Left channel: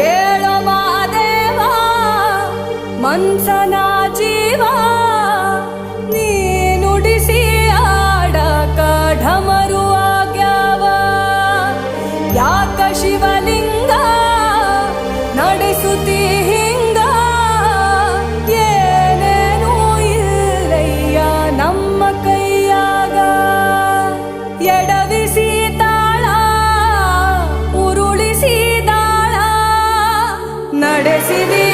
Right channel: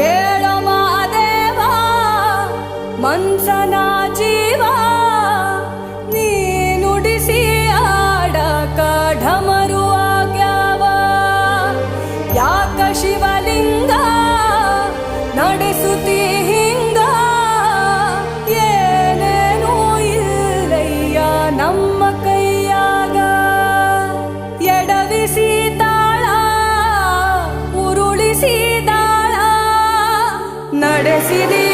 ಕೇಳೋ ಮಾದೇವ ಮನ್ಸನ ಜೀವ ನೀ ನುಡಿಸಿ ಆಡಕ ಢಮರು ಆಗ್ಯಾವ ಯಾಕ ಶಿವಲಿಂಗ ನಡೆಸುತ್ತಿ ಹಿಂಗ ಏನೇನೂ ಇಲ್ಲಯ್ಯ ನಮ್ಮ ಕೈಯಾಗ ಎಡವಿಸಿ ತಾಳ ಉರುಳಿಸಿ ದಾಳ ನಡೆಸಿದಿ